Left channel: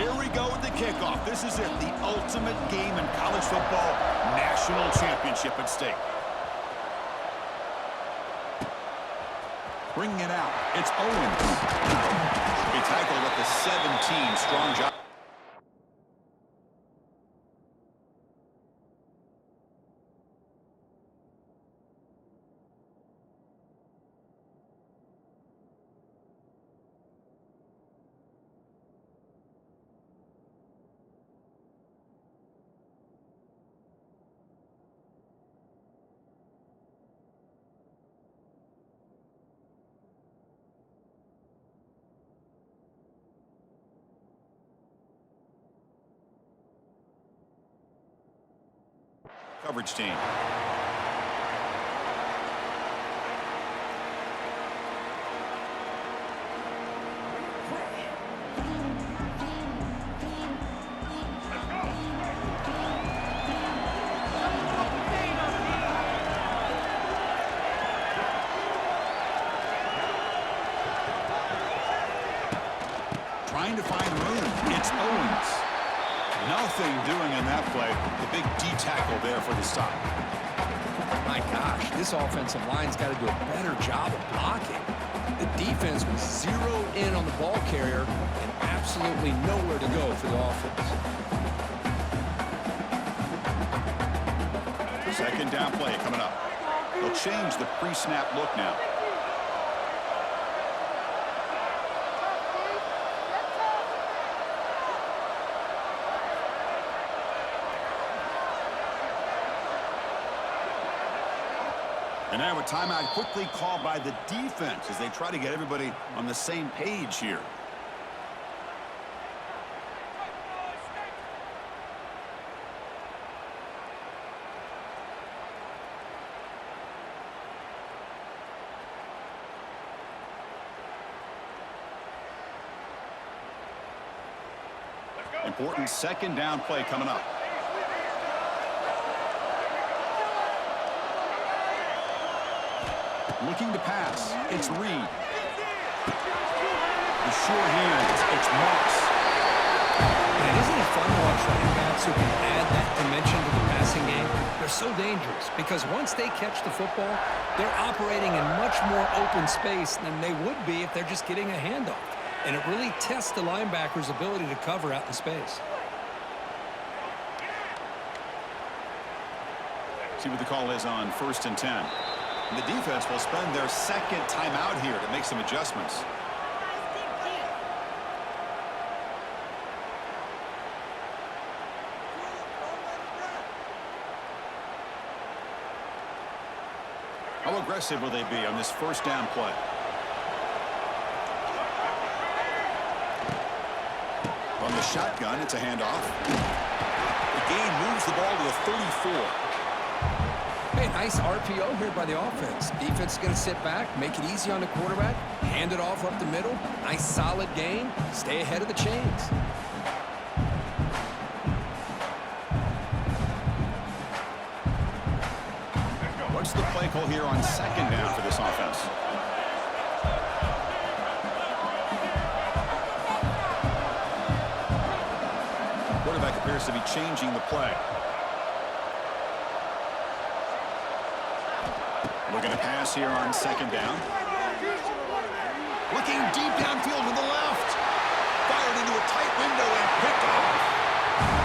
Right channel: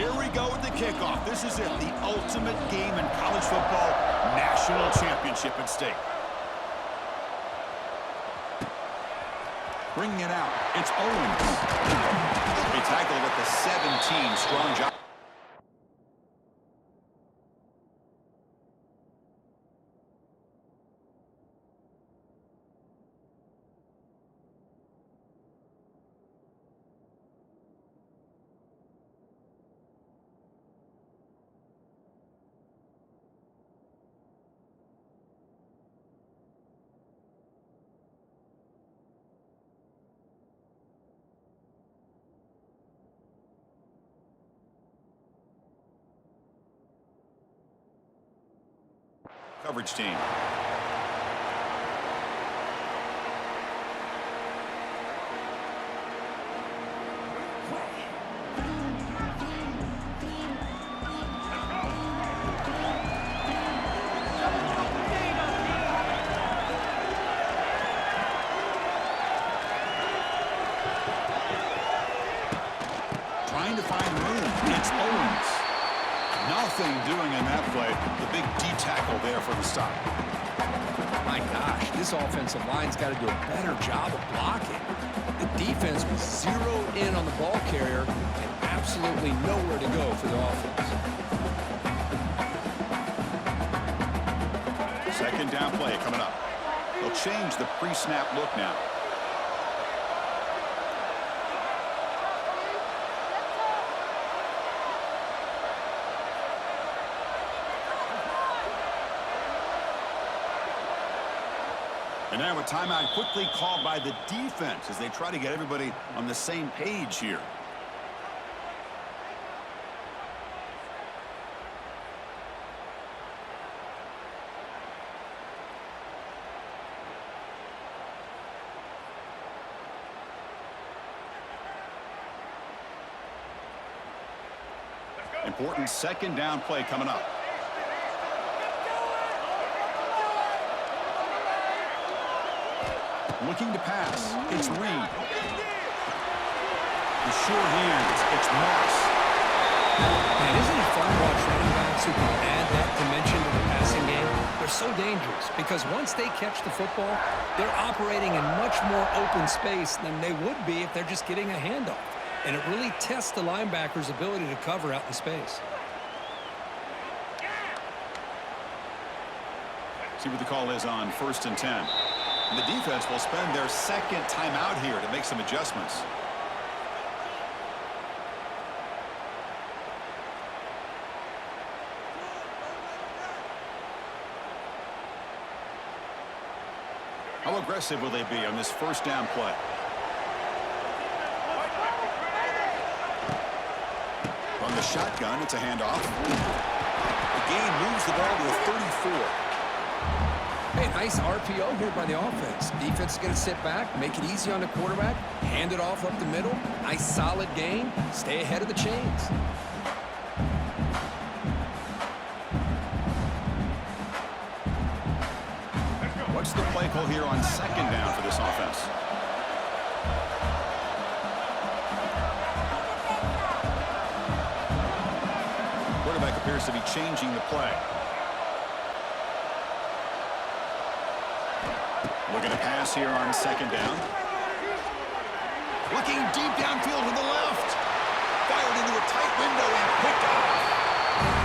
Here we go with the kickoff. This is it, the ultimate game in college football, national championship at stake. Bringing it out, it's Owens. He tackled at the 17, strong job. Coverage team. Trying to find room. It's Owens. Nothing doing in that play. The big D-tackle there for the stop. My gosh, this offensive line's got to do a better job of blocking. The defense was zeroed in on the ball carrier and absolutely nowhere to go for the offense. Second down play coming up. They'll change the pre-snap look now. And now a timeout quickly called by the defense as they try to get everybody on the same page here. Important second down play coming up. Looking to pass, it's Reed. The sure hands, it's Moss. Man, isn't it fun to watch running backs who can add that dimension to the passing game? They're so dangerous because once they catch the football, they're operating in much more open space than they would be if they're just getting a handoff. And it really tests the linebacker's ability to cover out in space. See what the call is on 1st and 10. The defense will spend their second timeout here to make some adjustments. How aggressive will they be on this first down play? From the shotgun, it's a handoff. The gain moves the ball to the 34. Hey, nice RPO here by the offense. Defense is going to sit back, make it easy on the quarterback, hand it off up the middle. Nice solid gain. Stay ahead of the chains. What's the play call here on second down for this offense? Quarterback appears to be changing the play. Looking to pass here on second down. Looking deep downfield to the left. Fired into a tight window and picked off.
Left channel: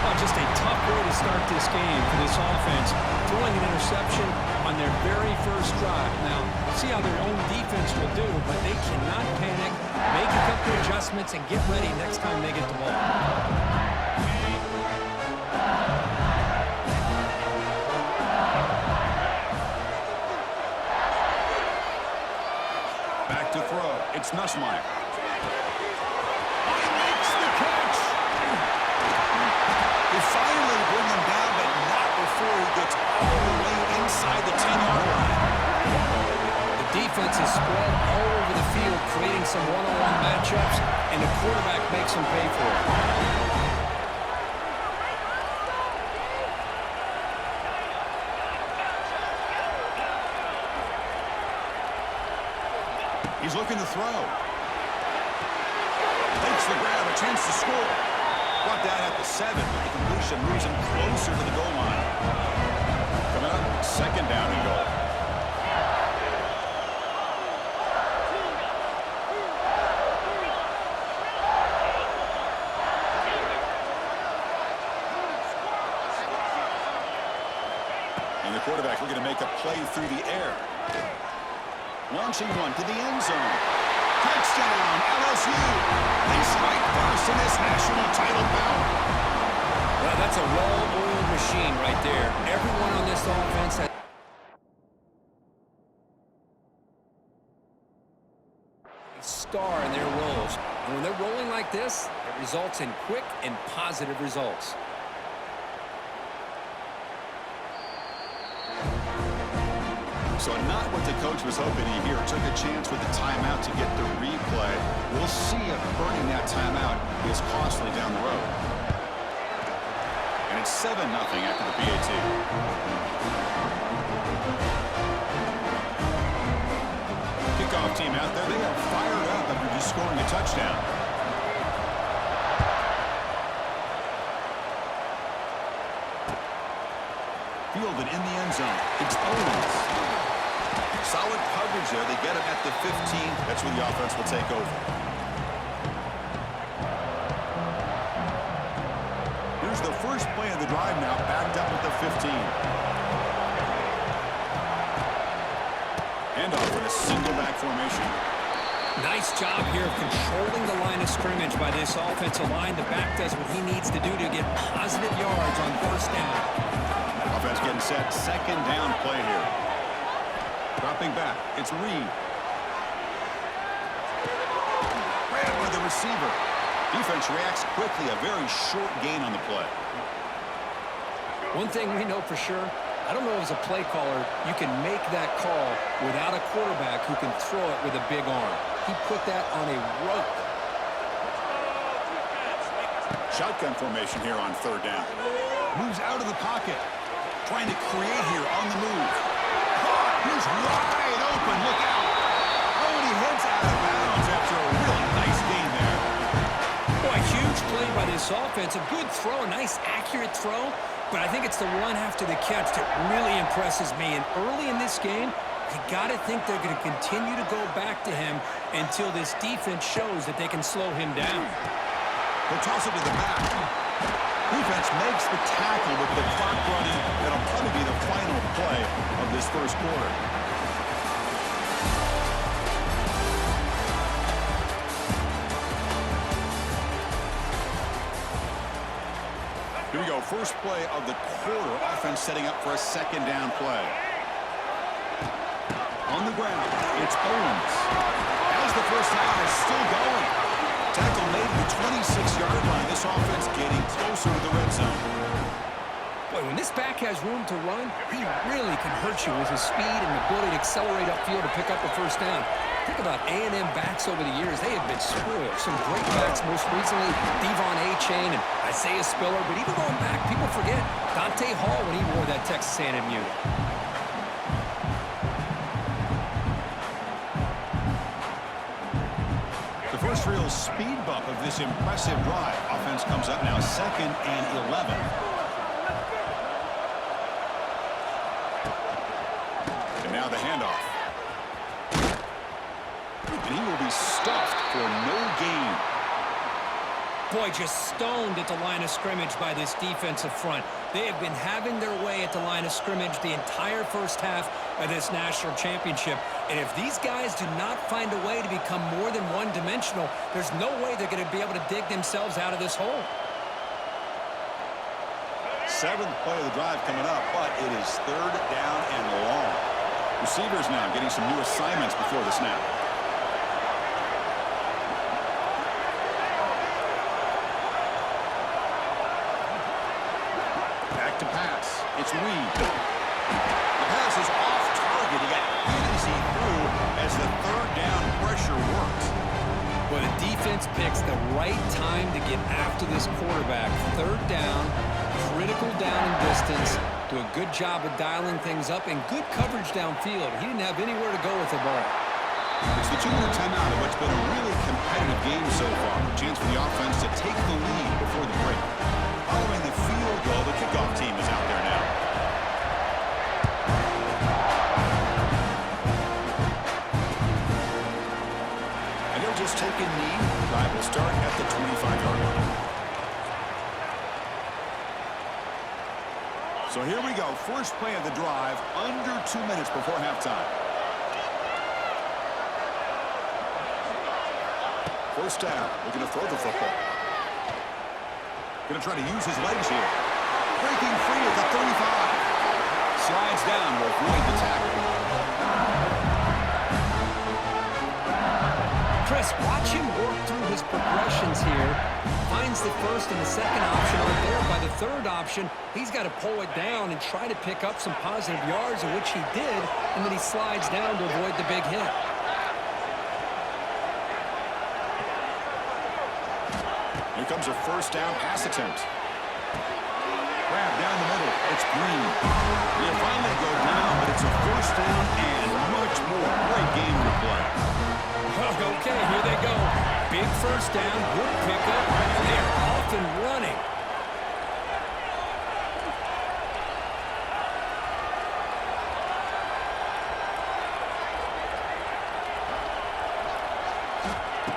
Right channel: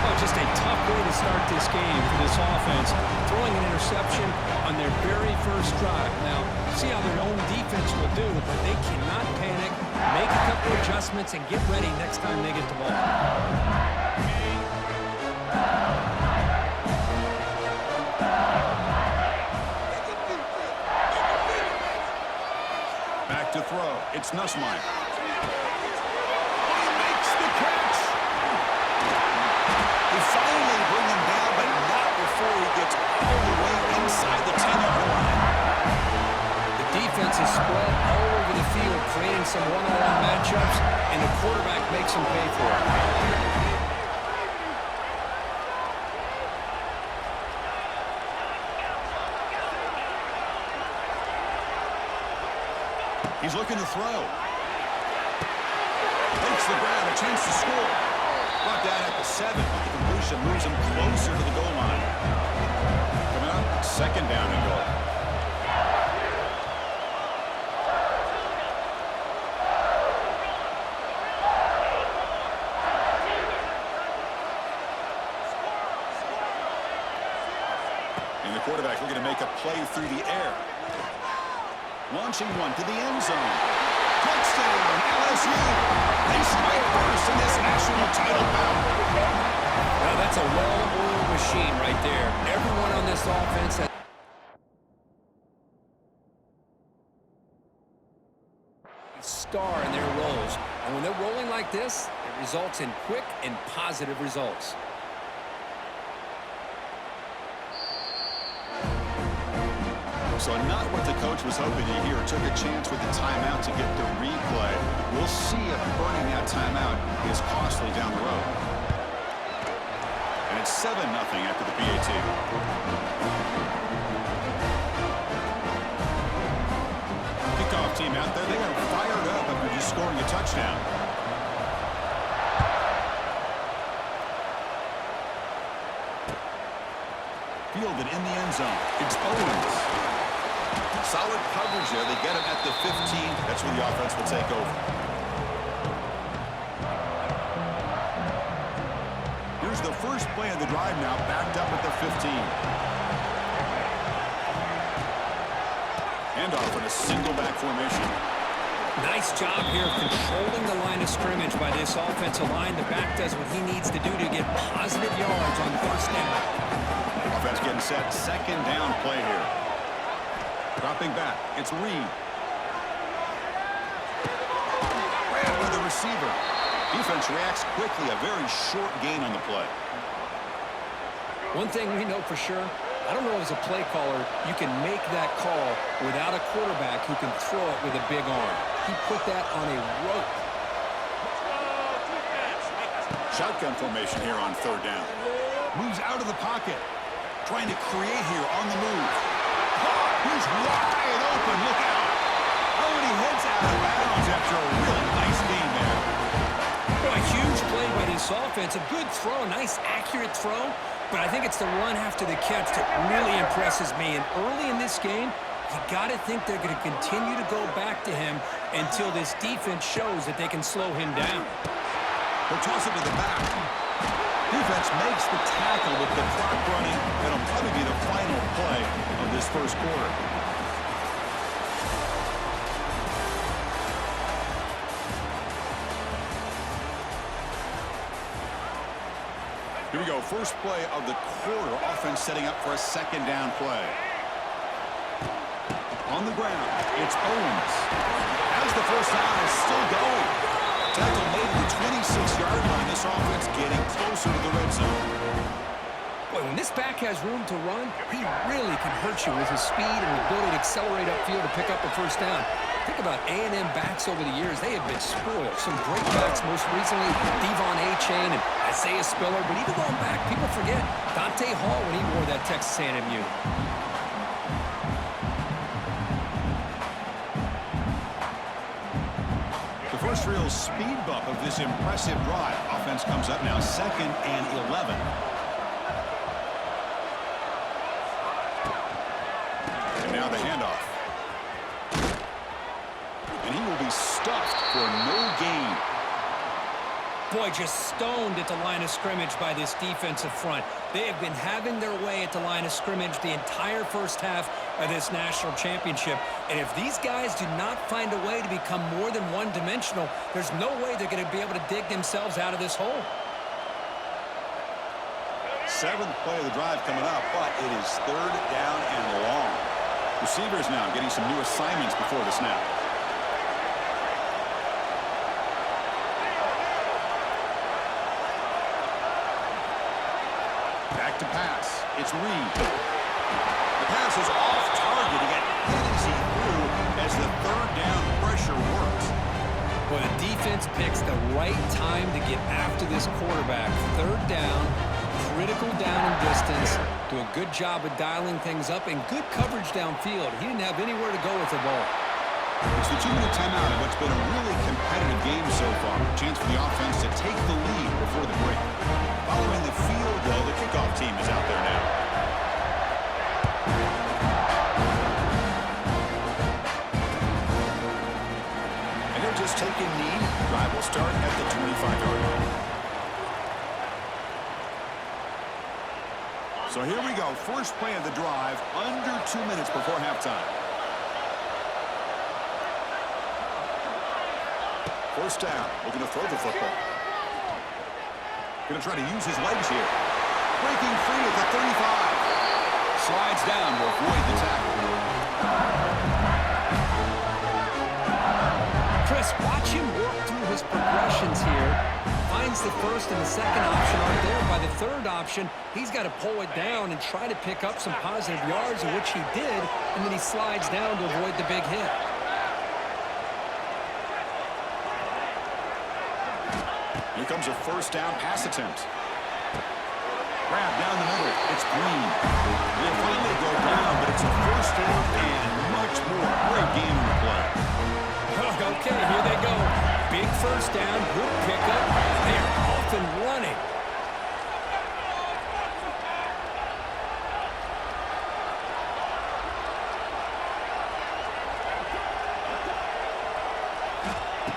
Oh, just a tough way to start this game for this offense. Throwing an interception on their very first drive. Now, see how their own defense will do, but they cannot panic. Make a couple adjustments and get ready next time they get the ball. Back to throw. It's Nussmeier. He makes the catch. They finally bring him down, but not before he gets all the way inside the 10-yard line. The defense is spread all over the field, creating some one-on-one matchups, and the quarterback makes them pay for it. He's looking to throw. Takes the grab, a chance to score. Brought down at the 7, but the completion moves him closer to the goal line. Coming up, second down and goal. And the quarterback looking to make a play through the air. Launching one to the end zone. Touchdown, LSU. They strike first in this national title bout. Well, that's a well-oiled machine right there. Everyone on this offense has a star in their roles. And when they're rolling like this, it results in quick and positive results. So not what the coach was hoping to hear. Took a chance with the timeout to get the replay. We'll see if burning that timeout is costly down the road. And it's 7-0 after the PAT. Kickoff team out there. They are fired up after just scoring a touchdown. Fielded in the end zone. It's Owens. Solid coverage there. They get him at the 15. That's where the offense will take over. Here's the first play of the drive now, backed up at the 15. Handoff in a single back formation. Nice job here of controlling the line of scrimmage by this offensive line. The back does what he needs to do to get positive yards on first down. Offense getting set. Second down play here. Dropping back. It's Reed. Ran by the receiver. Defense reacts quickly. A very short gain on the play. One thing we know for sure, I don't know as a play caller, you can make that call without a quarterback who can throw it with a big arm. He put that on a rope. Shotgun formation here on third down. Moves out of the pocket. Trying to create here on the move. He's wide open. Look out. Oh, and he heads out of bounds after a really nice game there. Boy, huge play by this offense. A good throw, a nice accurate throw. But I think it's the run after the catch that really impresses me. And early in this game, you got to think they're going to continue to go back to him until this defense shows that they can slow him down. They'll toss it to the back. Defense makes the tackle with the clock running. That'll probably be the final play of this first quarter. Here we go. First play of the quarter. Offense setting up for a second down play. On the ground, it's Owens. As the first down is still going. Tackle made at the 26-yard line. This offense getting closer to the red zone. Boy, when this back has room to run, he really can hurt you with his speed and ability to accelerate upfield to pick up a first down. Think about A&M backs over the years. They have been spoiled. Some great backs, most recently Devon Achane and Isaiah Spiller. But even going back, people forget Dante Hall when he wore that Texas A&M unit. The first real speed bump of this impressive drive. Offense comes up now 2nd and 11. And now the handoff. And he will be stuffed for no gain. Boy, just stoned at the line of scrimmage by this defensive front. They have been having their way at the line of scrimmage the entire first half of this national championship. And if these guys do not find a way to become more than one-dimensional, there's no way they're going to be able to dig themselves out of this hole. 7th play of the drive coming up, but it is third down and long. Receivers now getting some new assignments before the snap. Back to pass. It's Reed. The pass is off target. He got hit as he threw as the third down pressure worked. Well, the defense picks the right time to get after this quarterback. Third down, critical down and distance. Do a good job of dialing things up and good coverage downfield. He didn't have anywhere to go with the ball. It's the 2-minute timeout of what's been a really competitive game so far. Chance for the offense to take the lead before the break. Following the field goal, the kickoff team is out there now. And they'll just take a knee. Drive will start at the 25-yard line. So here we go. First play of the drive, under 2 minutes before halftime. First down. Looking to throw the football. Going to try to use his legs here. Breaking free at the 35. Slides down to avoid the tackle. Chris, watch him work through his progressions here. Finds the first and the second option aren't there. By the third option, he's got to pull it down and try to pick up some positive yards, of which he did, and then he slides down to avoid the big hit. Here comes a first down pass attempt. Grab down the middle. It's Green. They finally go down, but it's a first down and much more. Great game to play. Okay, here they go. Big first down, good pickup. They're off and running.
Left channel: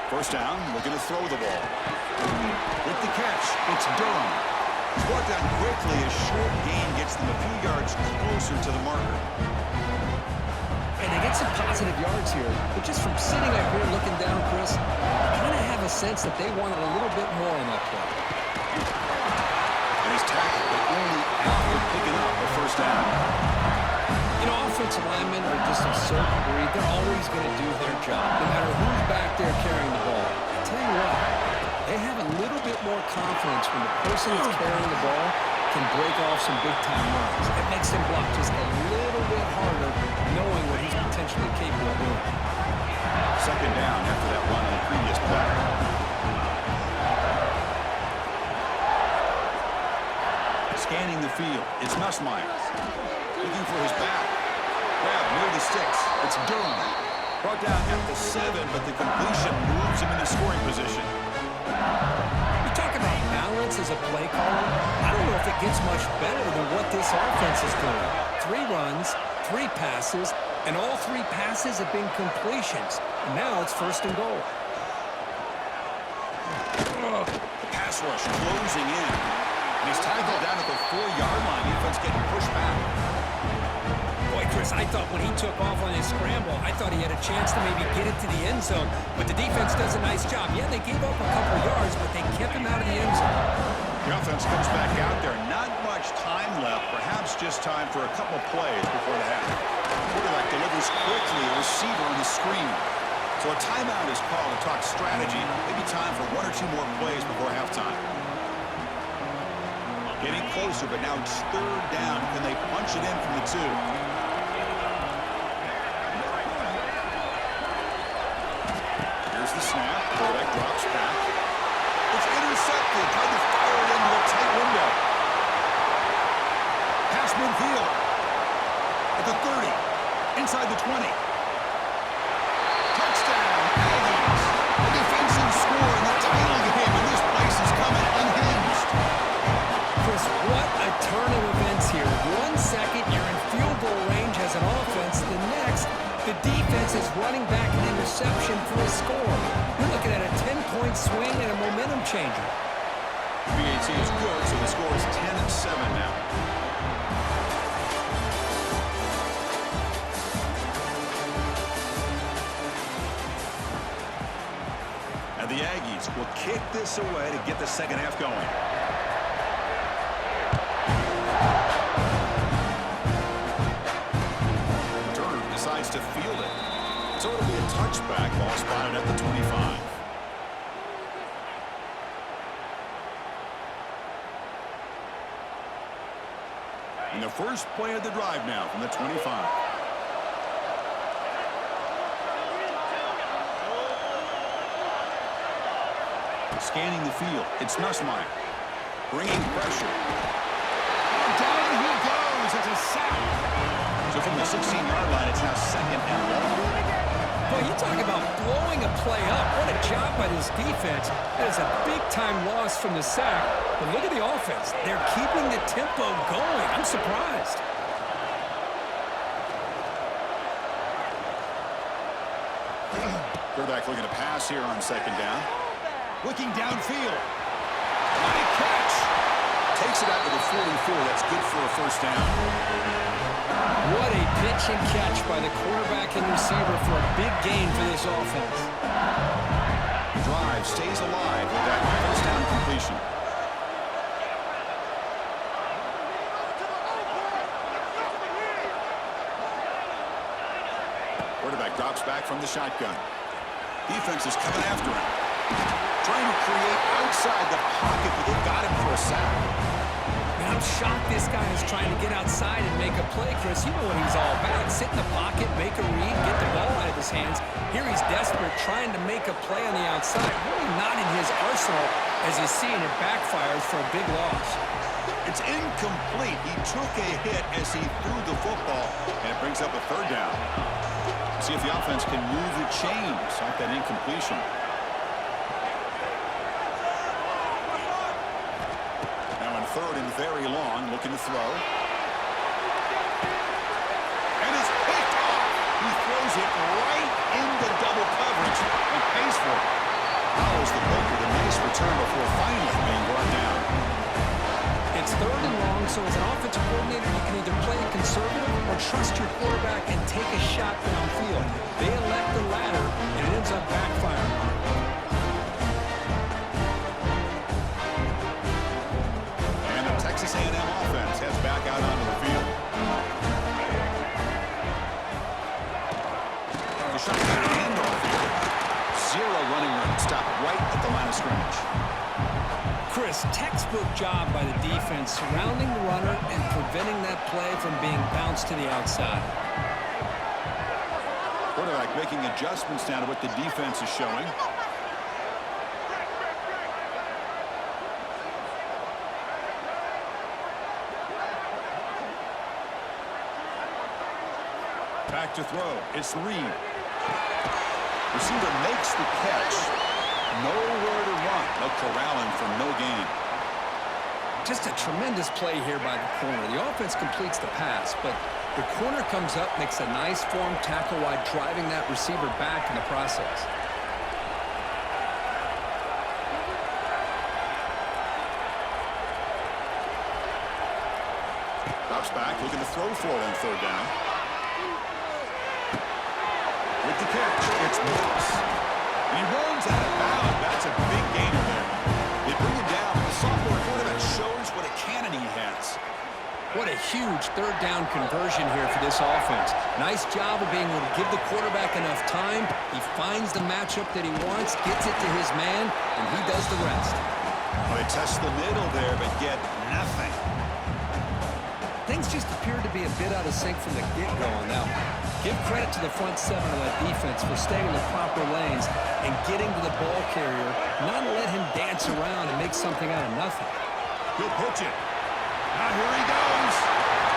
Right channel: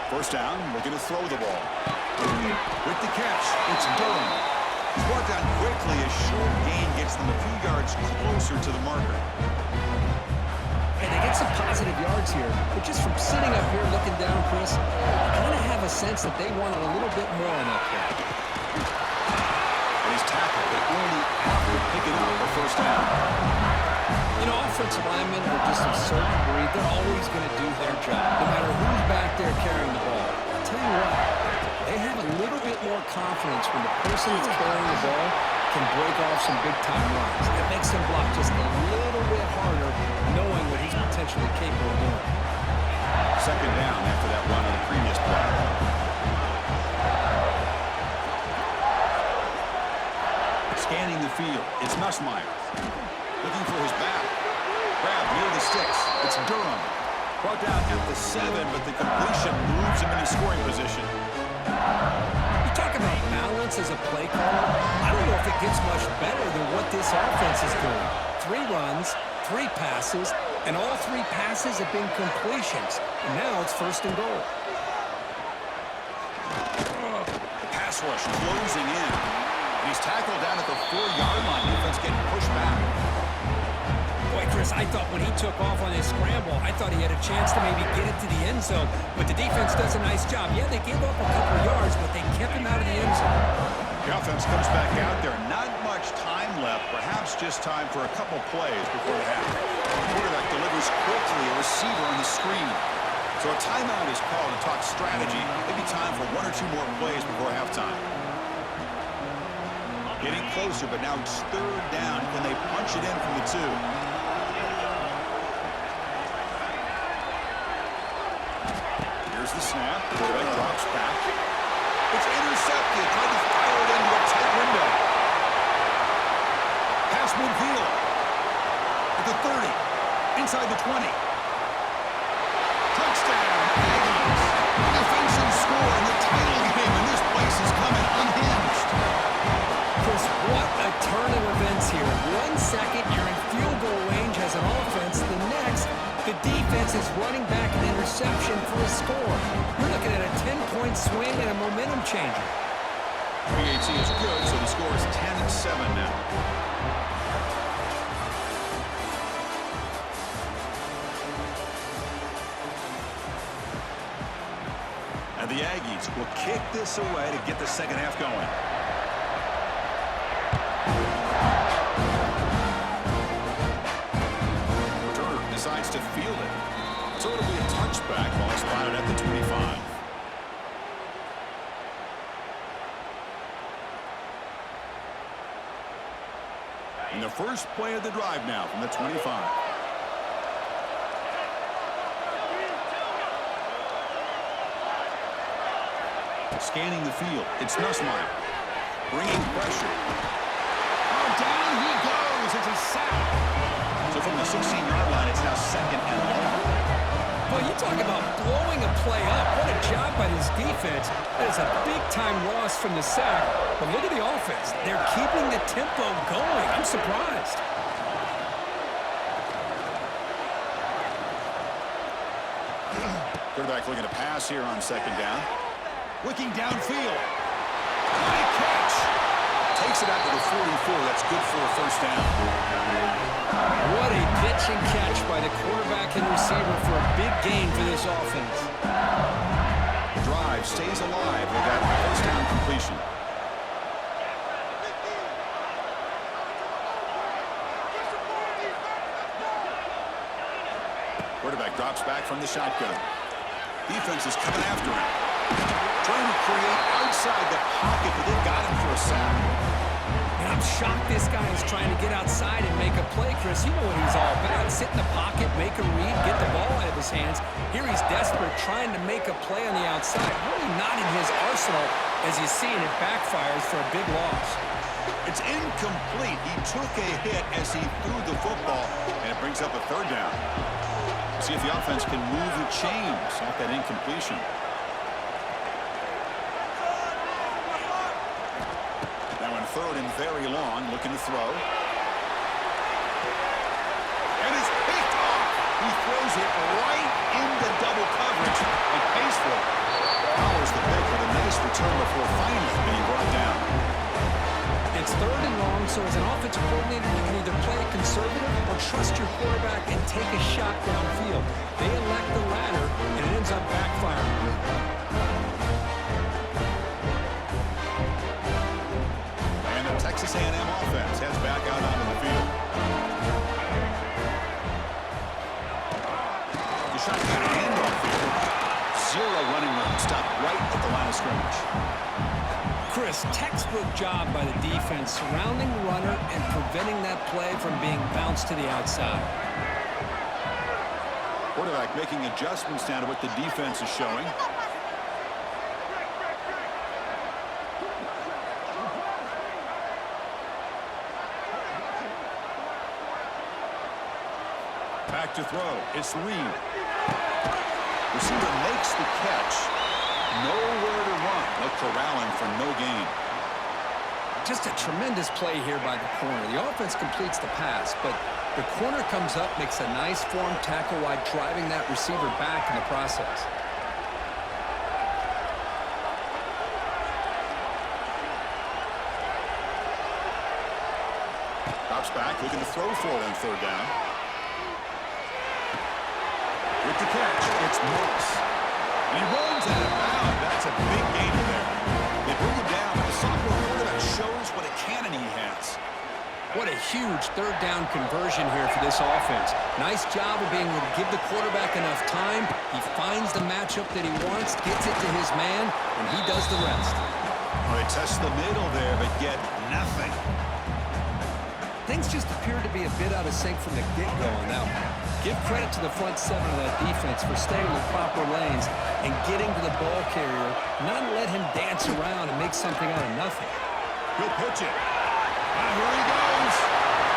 First down, looking to throw the ball. With the catch, it's Durham. He's brought down quickly. A short gain gets them a few yards closer to the marker. Hey, they get some positive yards here, but just from sitting up here looking down, Chris, I kind of have a sense that they wanted a little bit more on that play. And he's tackled, but only after picking up a first down. You know, offensive linemen are just a certain breed. They're always going to do their job, no matter who's back there carrying the ball. I'll tell you what, they have a little bit more confidence when the person that's carrying the ball can break off some big-time runs. It makes him block just a little bit harder, knowing what he's potentially capable of doing. Second down after that run on the previous play. Scanning the field, it's Nussmeier. Looking for his back. Grab near the sticks. It's Durham. Brought down at the 7, but the completion moves him into scoring position. You talk about balance as a play caller. I don't know if it gets much better than what this offense is doing. 3 runs, 3 passes, and all 3 passes have been completions. And now it's first and goal. The pass rush closing in. And he's tackled down at the 4-yard line. Defense getting pushed back. Boy, Chris, I thought when he took off on his scramble, I thought he had a chance to maybe get it to the end zone. But the defense does a nice job. Yeah, they gave up a couple yards, but they kept him out of the end zone. The offense comes back out there. Not much time left. Perhaps just time for a couple plays before the half. The quarterback delivers quickly. A receiver on the screen. So a timeout is called to talk strategy. Maybe time for 1 or 2 more plays before halftime. Getting closer, but now it's third down. Can they punch it in from the 2? Here's the snap. Quarterback drops back. It's intercepted. Tried to fire it into a tight window. Pass midfield. At the 30. Inside the 20. Touchdown, Aggies. A defensive score in the title game, and this place is coming unhinged. Chris, what a turn of events here. 1 second, you're in field goal range as an offense. The next, the defense is running back an interception for a score. You're looking at a 10-point swing and a momentum changer. PAT is good, so the score is 10-7 now. And the Aggies will kick this away to get the second half going. Decides to field it. So it'll be a touchback. Ball spotted at the 25. And the first play of the drive now from the 25. Scanning the field. It's Nussmeier. Bringing pressure. Oh, down he goes. It's a sack. So from the 16-yard line, it's now second and long. Boy, you talk about blowing a play up. What a job by this defense. That is a big-time loss from the sack. But look at the offense. They're keeping the tempo going. I'm surprised. Quarterback looking to pass here on second down. Looking downfield. Nice catch. Takes it out to the 44. That's good for a first down. What a pitch and catch by the quarterback and receiver for a big gain for this offense. The drive stays alive with that first down completion. Quarterback drops back from the shotgun. Defense is coming after him. Trying to create outside the pocket, but they've got him for a sack. And I'm shocked this guy is trying to get outside and make a play, Chris. You know what he's all about. Sit in the pocket, make a read, get the ball out of his hands. Here he's desperate, trying to make a play on the outside. Really not in his arsenal, as you see, and it backfires for a big loss. It's incomplete. He took a hit as he threw the football, and it brings up a third down. See if the offense can move the chains off that incompletion. Now in third and very long, looking to throw. And it's picked off. He throws it right into double coverage and pays for it. Follows the pick with a nice return before finally being brought down. It's third and long, so as an offensive coordinator, you can either play it conservative or trust your quarterback and take a shot downfield. They elect the latter, and it ends up backfiring. And the Texas A&M offense heads back out onto the field. The shotgun handoff here. Zero running room. Stopped right at the line of scrimmage. Chris, textbook job by the defense surrounding the runner and preventing that play from being bounced to the outside. Quarterback making adjustments now to what the defense is showing. Back to throw. It's Reed. Receiver makes the catch. Nowhere to run. They'll corral him for no gain. Just a tremendous play here by the corner. The offense completes the pass, but the corner comes up, makes a nice form tackle while driving that receiver back in the process. Drops back, looking to throw for it on third down. With the catch, it's Moss. And he runs out of bounds. That's a big gainer there. They bring him down, but the sophomore quarterback shows what a cannon he has. What a huge third down conversion here for this offense. Nice job of being able to give the quarterback enough time. He finds the matchup that he wants, gets it to his man, and he does the rest. Well, they test the middle there, but get nothing. Things just appear to be a bit out of sync from the get-go on that one. Give credit to the front seven of that defense for staying in the proper lanes and getting to the ball carrier, not let him dance around and make something out of nothing. He'll pitch it. Now here he goes.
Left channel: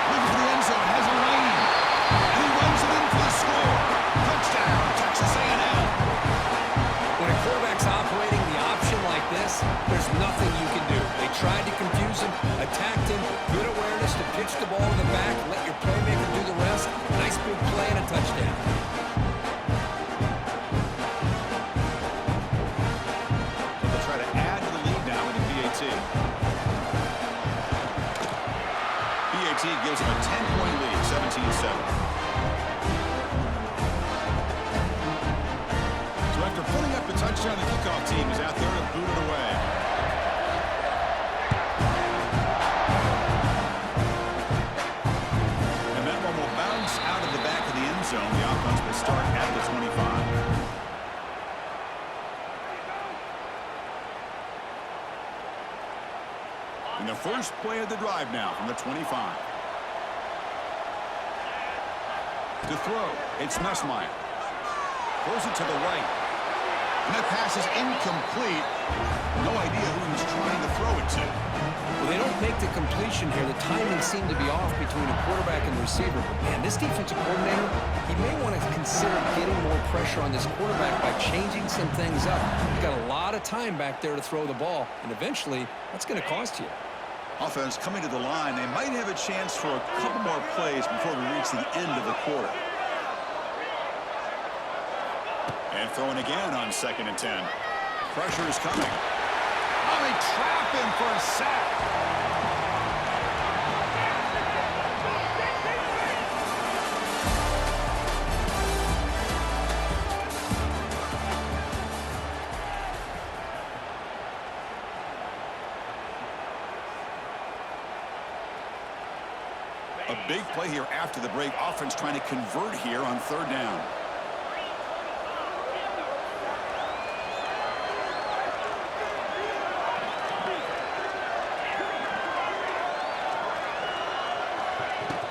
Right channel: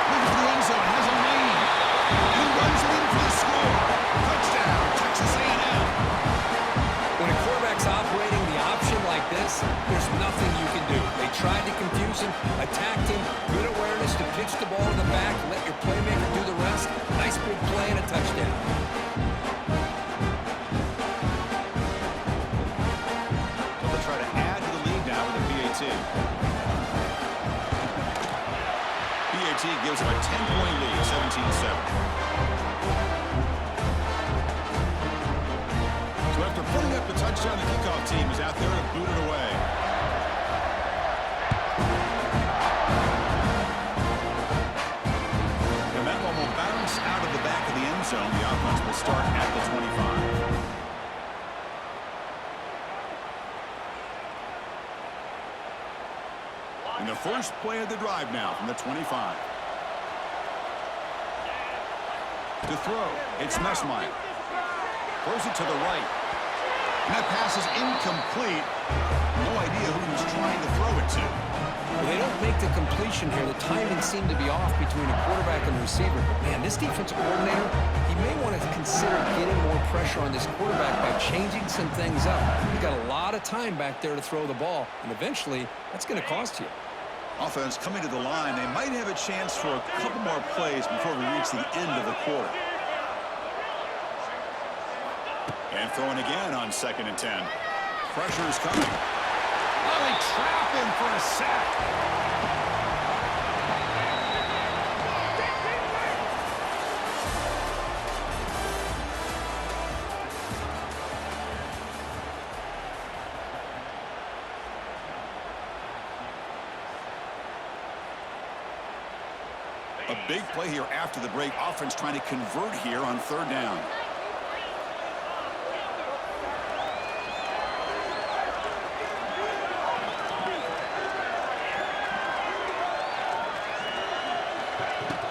Looking for the end zone, has a lane. And he runs it in for the score. Touchdown, Texas A&M. When a quarterback's operating the option like this, there's nothing you can do. They tried to confuse him, attacked him, good awareness to pitch the ball to the back, let your playmaker do the rest. Nice big play and a touchdown. So they'll try to add to the lead now with a PAT. PAT gives them a 10-point lead, 17-7. So after putting up the touchdown, the kickoff team is out there to boot it away. And that one will bounce out of the back of the end zone. The offense will start at the 25. And the first play of the drive now from the 25. To throw, it's Nussmeier. Throws it to the right. And that pass is incomplete. no idea who he was trying to throw it to. Well, they don't make the completion here. The timing seemed to be off between a quarterback and the receiver. But, man, this defensive coordinator, he may want to consider getting more pressure on this quarterback by changing some things up. He's got a lot of time back there to throw the ball, and eventually that's going to cost you. Offense coming to the line. They might have a chance for a couple more plays before we reach the end of the quarter. And throwing again on 2nd and 10. Pressure is coming. Oh, they trap him for a sack. A big play here after the break. Offense trying to convert here on 3rd down.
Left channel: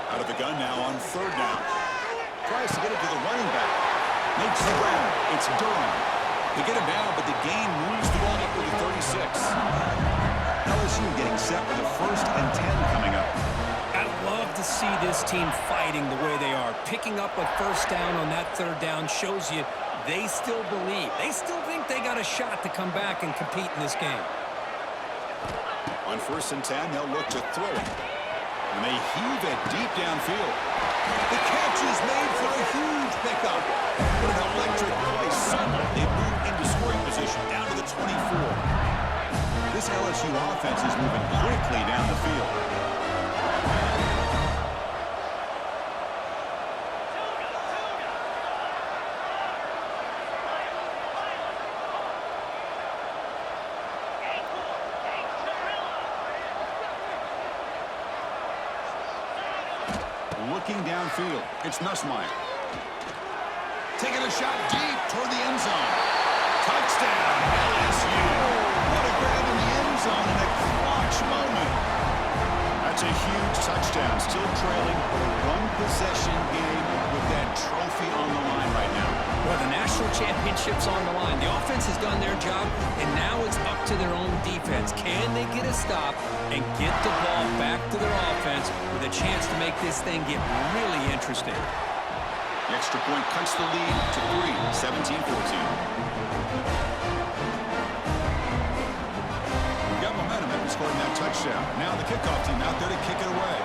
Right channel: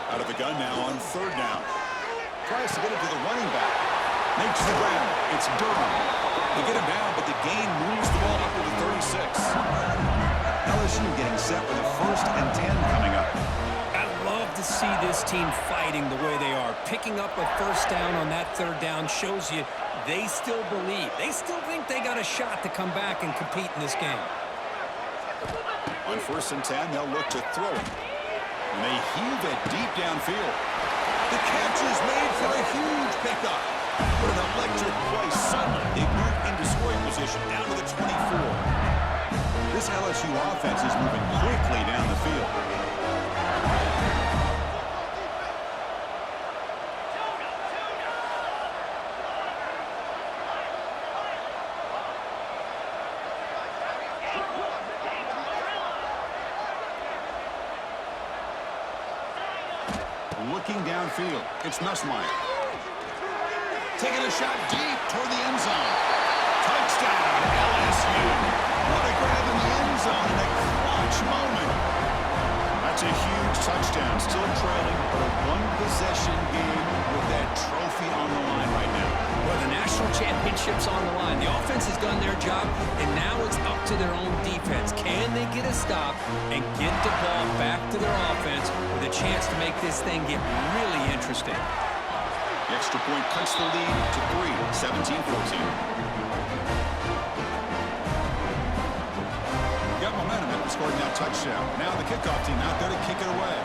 Out of the gun now on 3rd down. Tries to get it to the running back. Makes the grab. It's Durham. They get him down, but the gain moves the ball up to the 36. LSU getting set with a 1st and 10 coming up. I love to see this team fighting the way they are. Picking up a 1st down on that 3rd down shows you they still believe. They still think they got a shot to come back and compete in this game. On 1st and 10, they'll look to throw it. And they heave it deep downfield. The catch is made for a huge pickup. What an electric play. Suddenly, they move into scoring position down to the 24. This LSU offense is moving quickly down the field. Looking downfield, it's Nussmeier. Taking a shot deep toward the end zone. Touchdown, LSU. What a grab in the end zone in a clutch moment. That's a huge touchdown. Still trailing, but a one-possession game with that trophy on the line right now. Well, the national championship's on the line. The offense has done their job, and now it's up to their own defense. Can they get a stop and get the ball back to their offense with a chance to make this thing get really interesting? The extra point cuts the lead to 3, 17-14. Got momentum after scoring that touchdown. Now the kickoff team out there to kick it away.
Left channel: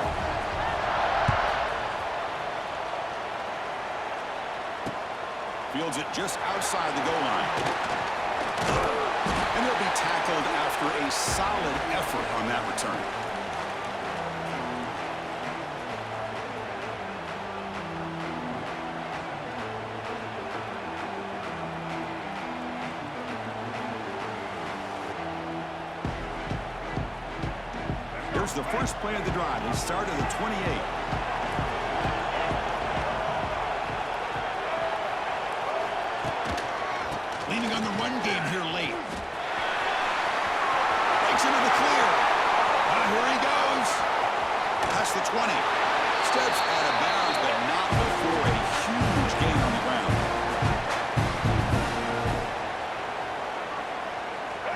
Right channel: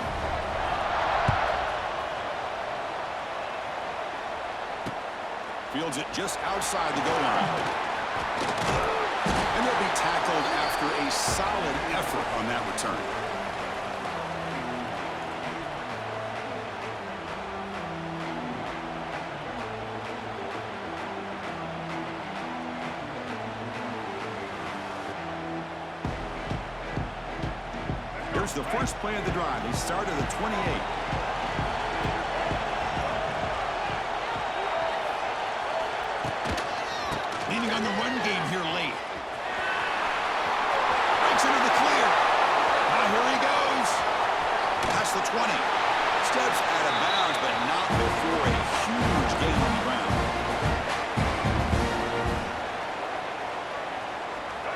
Fields it just outside the goal line. And he'll be tackled after a solid effort on that return. Here's the first play of the drive. They start at the 28. Leaning on the run game here late. Breaks into the clear. Here he goes. Past the 20. Steps out of bounds, but not before a huge gain on the ground.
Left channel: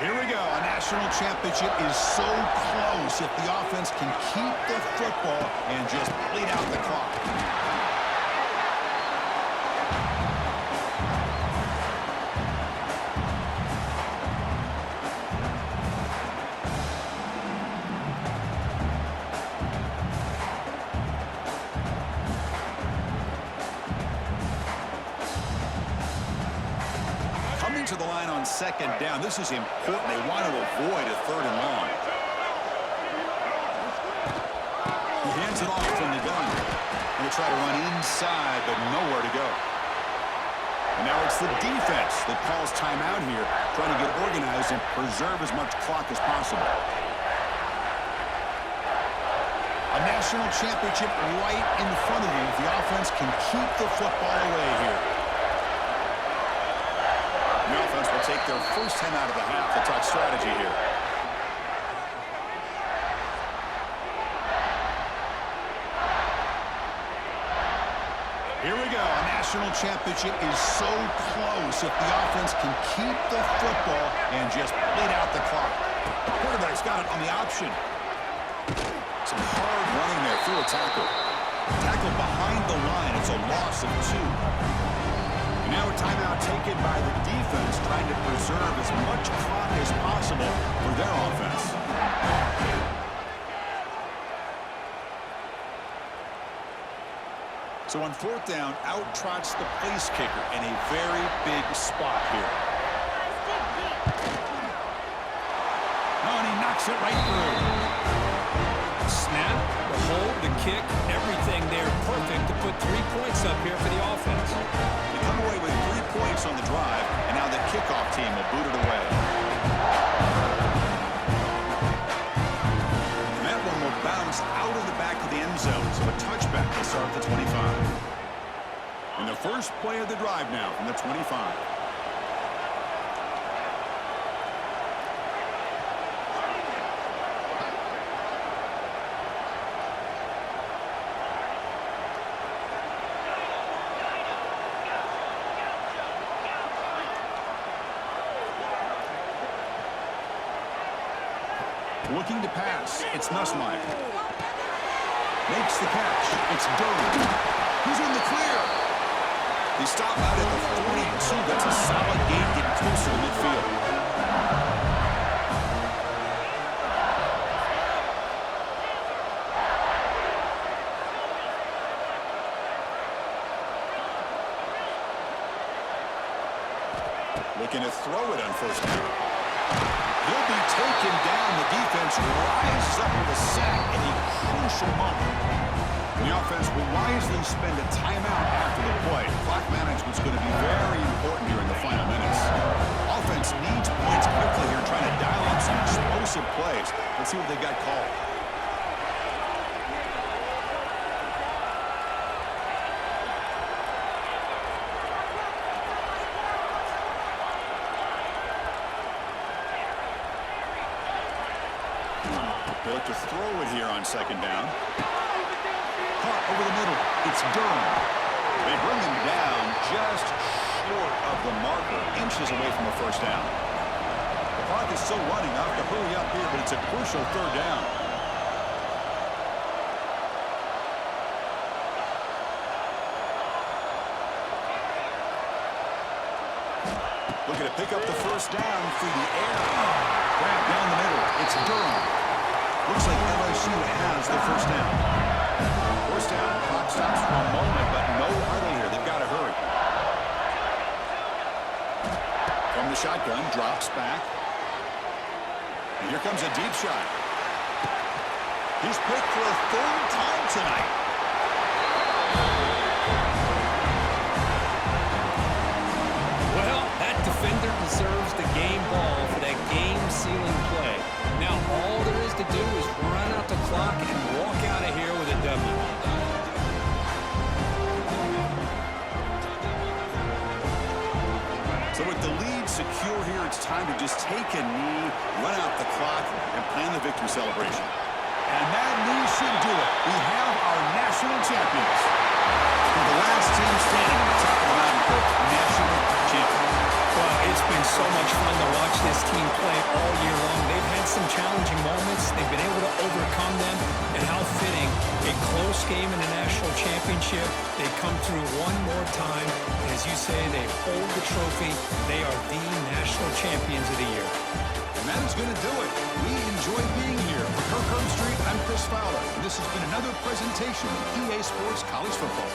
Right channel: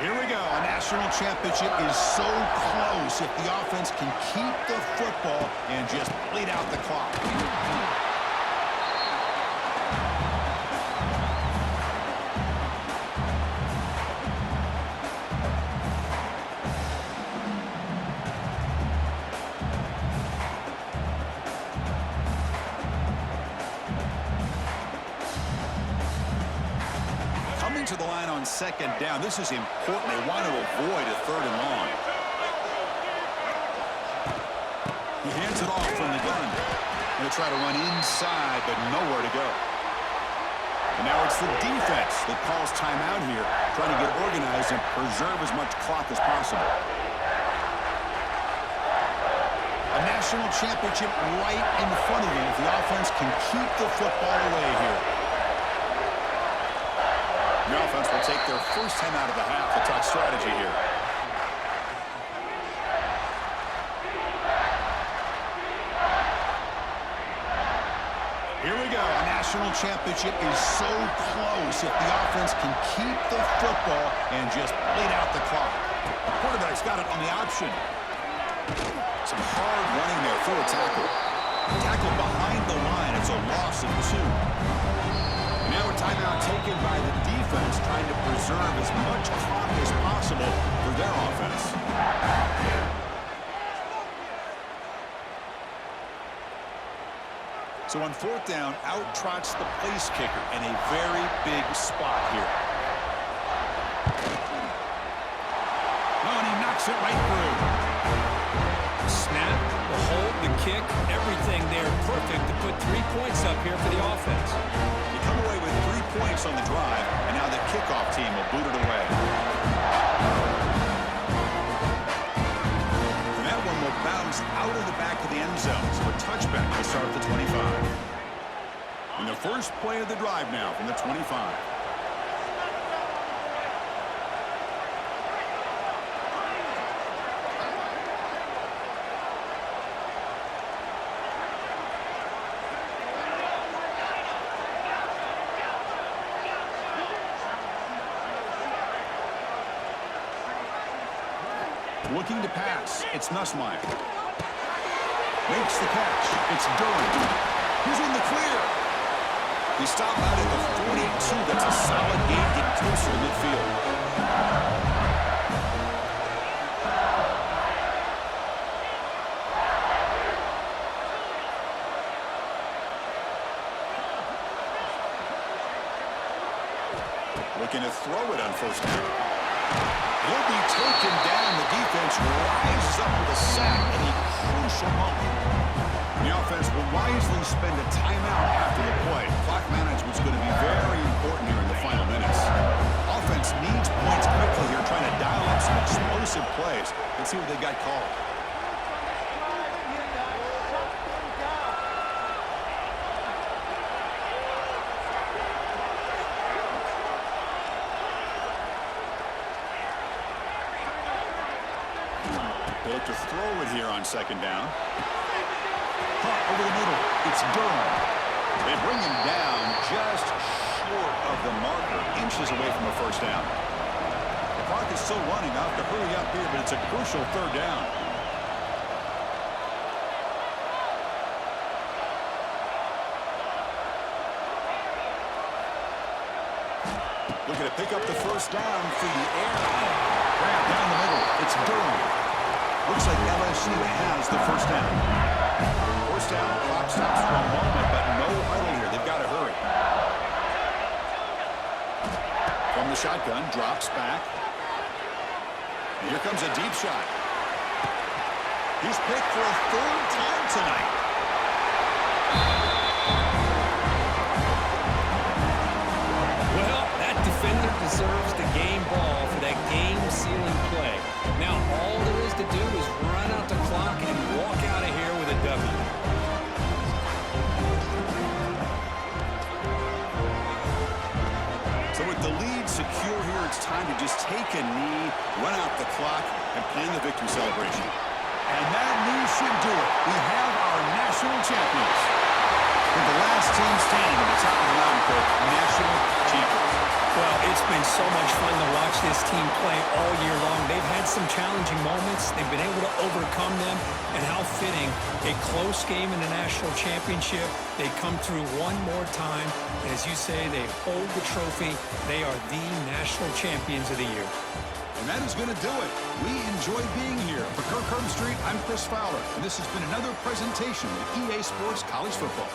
Here we go. A national championship is so close if the offense can keep the football and just bleed out the clock. Coming to the line on 2nd down. This is important. They want to avoid a 3rd and long. He hands it off from the gun. Going to try to run inside, but nowhere to go. And now it's the defense that calls timeout here, trying to get organized and preserve as much clock as possible. A national championship right in front of them if the offense can keep the football away here. The offense will take their first 10 out of the half. The top strategy here. Here we go. A national national championship is so close if the offense can keep the football and just bleed out the clock. The quarterback's got it on the option. Some hard running there through a tackle. Tackle behind the line. It's a loss of 2. And now a timeout taken by the defense, trying to preserve as much clock as possible for their offense. So on 4th down, out trots the place kicker in a very big spot here. Oh, and he knocks it right through. Snap, the hold, the kick, everything there perfect to put 3 points up here for the offense. You come away with 3 points on the drive, and now the kickoff team will boot it away. And that one will bounce out of the back of the end zone, so a touchback will start at the 25. And the first play of the drive now from the 25. Looking to pass. It's Nussmeier. Makes the catch. It's Durham. He's in the clear. They stop out at the 42. That's a solid gain, getting closer to midfield. Looking to throw it on 1st down. He'll be taken down. The defense rises up with a sack in a crucial moment. And the offense will wisely spend a timeout after the play. Clock management's going to be very important here in the final minutes. Offense needs points quickly here, trying to dial up some explosive plays. Let's see what they got called. They look to throw it here on 2nd down. Caught over the middle. It's Durham. They bring him down just short of the marker, inches away from a 1st down. The clock is still running. I have to hurry up here, but it's a crucial 3rd down. Looking to pick up the 1st down through the air. Grab down the middle. It's Durham. Looks like LSU has the 1st down. 1st down, clock stops for a moment, but no huddle here. They've got to hurry. From the shotgun, drops back. And here comes a deep shot. He's picked for a 3rd time tonight. Well, that defender deserves the game ball for that game-sealing play. Now, all there is to do is run out the clock and walk out of here with a W. So with the lead secure here, it's time to just take a knee, run out the clock, and plan the victory celebration. And that knee should do it. We have our national champions. We're the last team standing at the top of the mountain, Coach. National champions. Well, it's been so much fun to watch this team play all year long. They've had some challenging moments. They've been able to overcome them. And how fitting, a close game in the national championship. They come through one more time. And as you say, they hold the trophy. They are the national champions of the year. And that is going to do it. We enjoy being here. For Kirk Herbstreit, I'm Chris Fowler. And this has been another presentation of EA Sports College Football.